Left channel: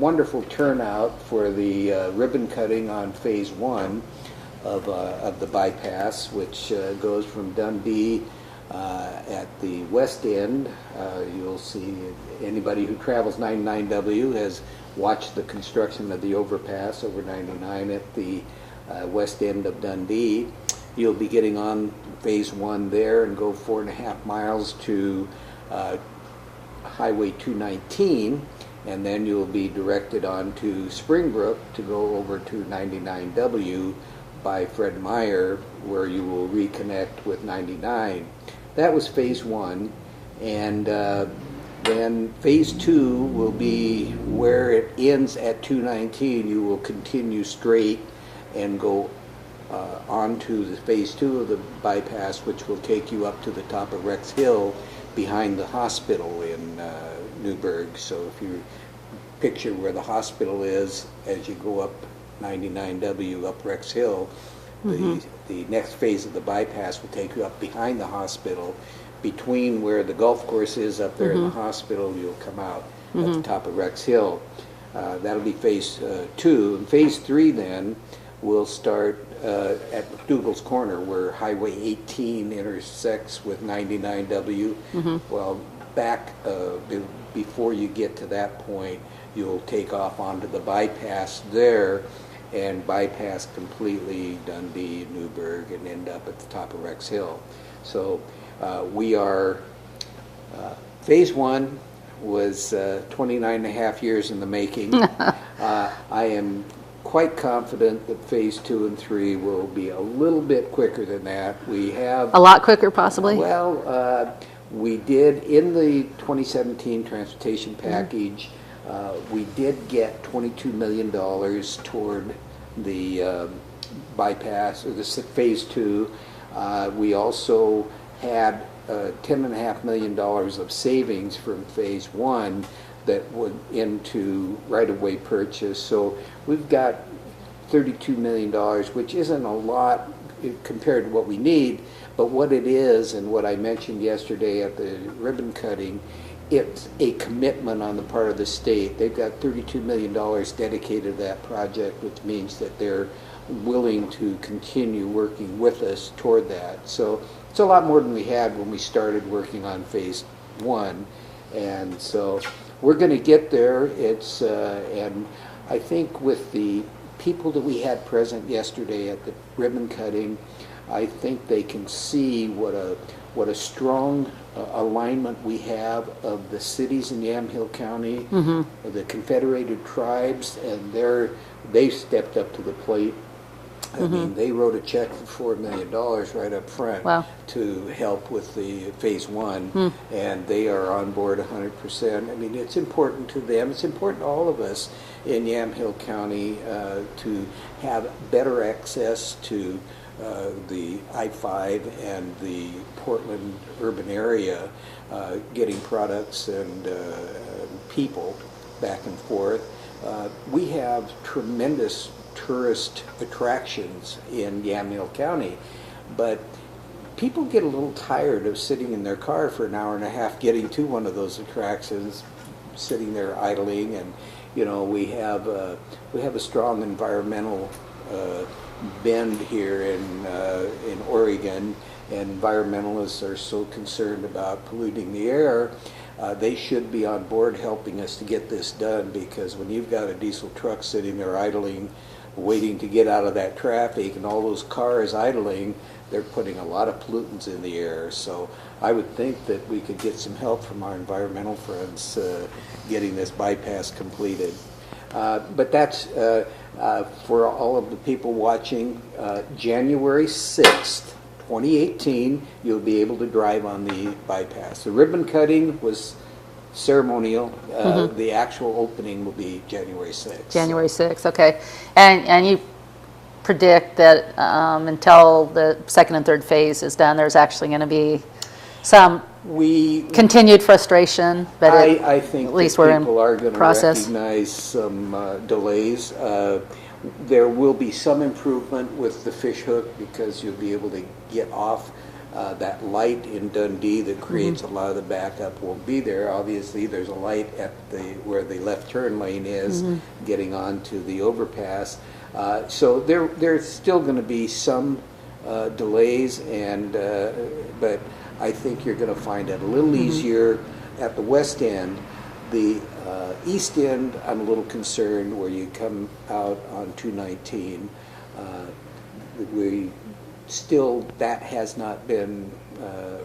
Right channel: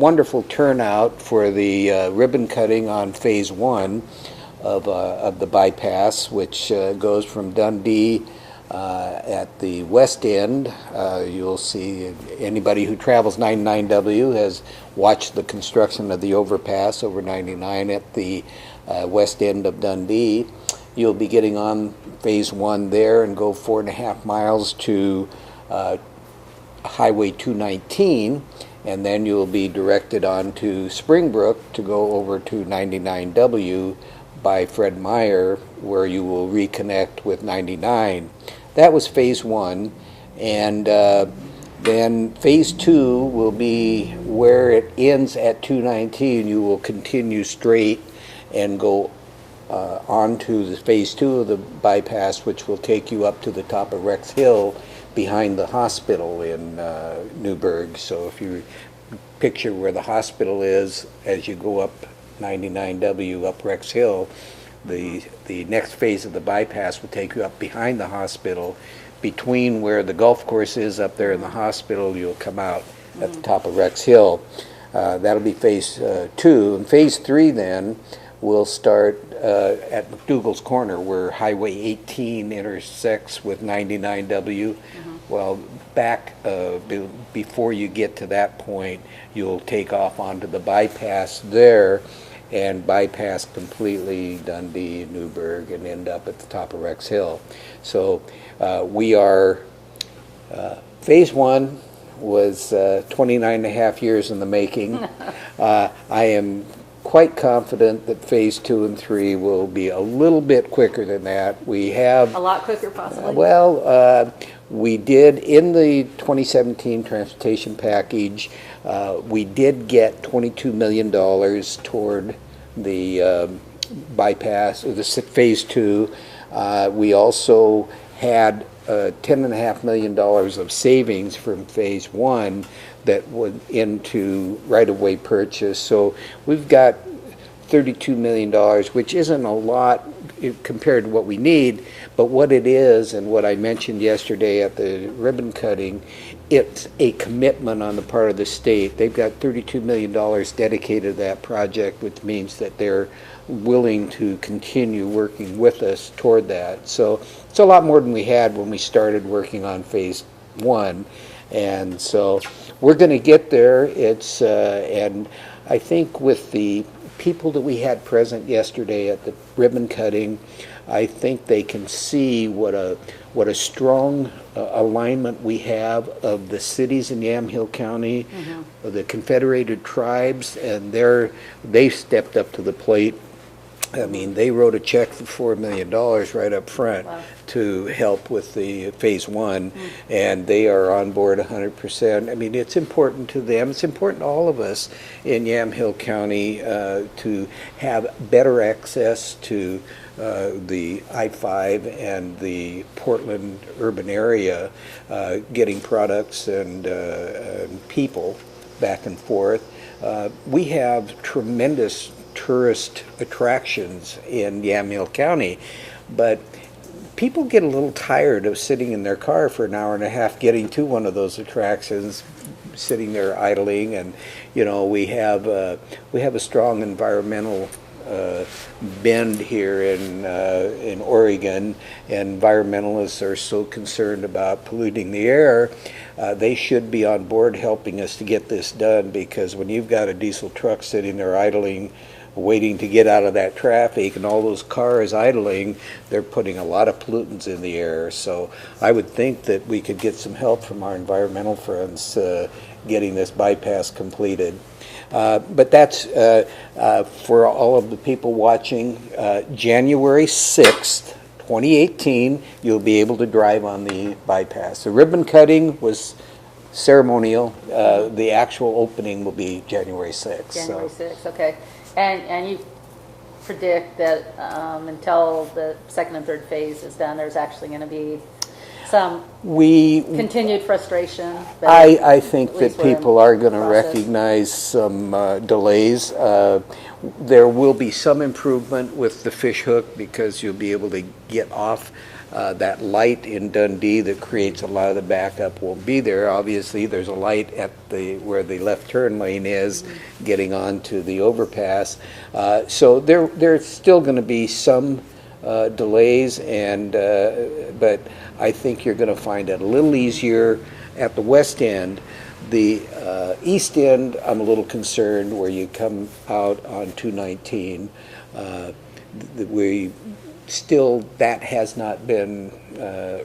wonderful turnout for the ribbon cutting on phase one of the bypass, which goes from Dundee at the west end. You'll see anybody who travels 99W has watched the construction of the overpass over 99 at the west end of Dundee. You'll be getting on phase one there and go 4.5 miles to Highway 219, and then you'll be directed on to Springbrook to go over to 99W by Fred Meyer, where you will reconnect with 99. That was phase one, and then phase two will be where it ends at 219. You will continue straight and go on to the phase two of the bypass, which will take you up to the top of Rex Hill behind the hospital in Newburgh. So if you picture where the hospital is as you go up 99W up Rex Hill, the next phase of the bypass will take you up behind the hospital. Between where the golf course is up there and the hospital, you'll come out at the top of Rex Hill. That'll be phase two. And phase three then will start at McDougall's Corner, where Highway 18 intersects with 99W. Well, back before you get to that point, you'll take off onto the bypass there and bypass completely Dundee, Newburgh, and end up at the top of Rex Hill. So we are, phase one was 29.5 years in the making. I am quite confident that phase two and three will be a little bit quicker than that. We have a lot quicker, possibly. Well, we did in the 2017 transportation package. We did get $22 million toward the bypass, or the phase two. We also had $10.5 million of savings from phase one that went into right-of-way purchase. So we've got $32 million, which isn't a lot compared to what we need, but what it is, and what I mentioned yesterday at the ribbon cutting, it's a commitment on the part of the state. They've got $32 million dedicated to that project, which means that they're willing to continue working with us toward that. So it's a lot more than we had when we started working on phase one. And so we're going to get there. It's and I think with the people that we had present yesterday at the ribbon cutting, I think they can see what a strong alignment we have of the cities in Yamhill County, of the Confederated Tribes, and they've stepped up to the plate. I mean, they wrote a check for $4 million right up front to help with the phase one, and they are on board 100%. I mean, it's important to them. It's important to all of us in Yamhill County to have better access to the I-5 and the Portland urban area, getting products and people back and forth. We have tremendous tourist attractions in Yamhill County, but people get a little tired of sitting in their car for an hour and a half getting to one of those attractions, sitting there idling. And you know, we have a strong environmental bend here in Oregon. Environmentalists are so concerned about polluting the air. They should be on board helping us to get this done, because when you've got a diesel truck sitting there idling, waiting to get out of that traffic, and all those cars idling, they're putting a lot of pollutants in the air. So I would think that we could get some help from our environmental friends getting this bypass completed. But that's for all of the people watching. January 6th, 2018, you'll be able to drive on the bypass. The ribbon cutting was ceremonial. The actual opening will be January 6th. January 6th, okay. And you predict that until the second and third phase is done, there's actually going to be some continued frustration. But I think that people are going to recognize some delays. There will be some improvement with the fish hook, because you'll be able to get off That light in Dundee that creates a lot of the backup will be there. Obviously, there's a light at where the left turn lane is getting onto the overpass. So there's still going to be some delays, but I think you're going to find it a little easier at the west end. The east end, I'm a little concerned where you come out on 219. That has not been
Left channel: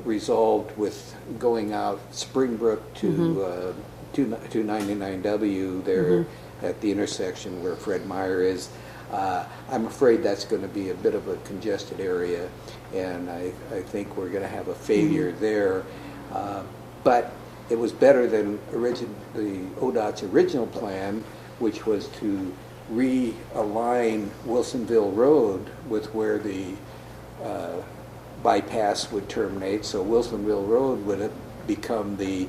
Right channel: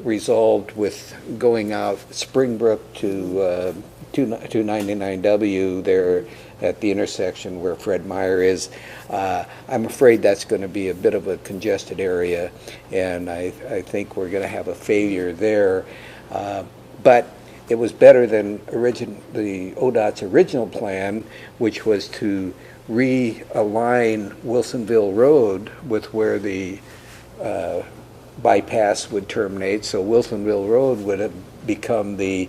resolved with going out Springbrook to 299W there at the intersection where Fred Meyer is. I'm afraid that's going to be a bit of a congested area, and I think we're going to have a failure there. But it was better than the ODOT's original plan, which was to realign Wilsonville Road with where the bypass would terminate. So Wilsonville Road would have become the,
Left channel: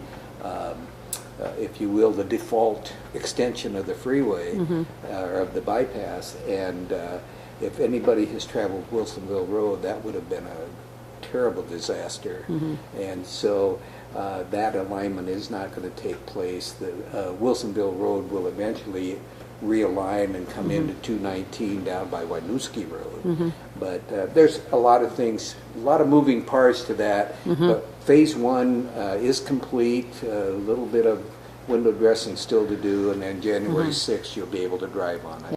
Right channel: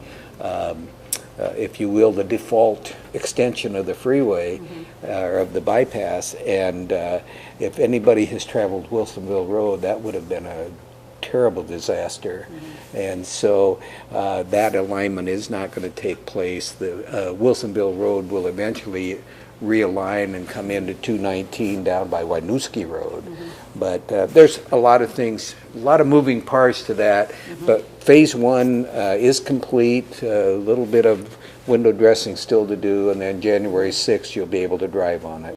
if you will, the default extension of the freeway or of the bypass. And if anybody has traveled Wilsonville Road, that would have been a terrible disaster. And so that alignment is not going to take place. The Wilsonville Road will eventually realign and come into 219 down by Winooski Road. But there's a lot of things, a lot of moving parts to that. But phase one is complete, a little bit of window dressing still to do, and then January 6th you'll be able to drive on it.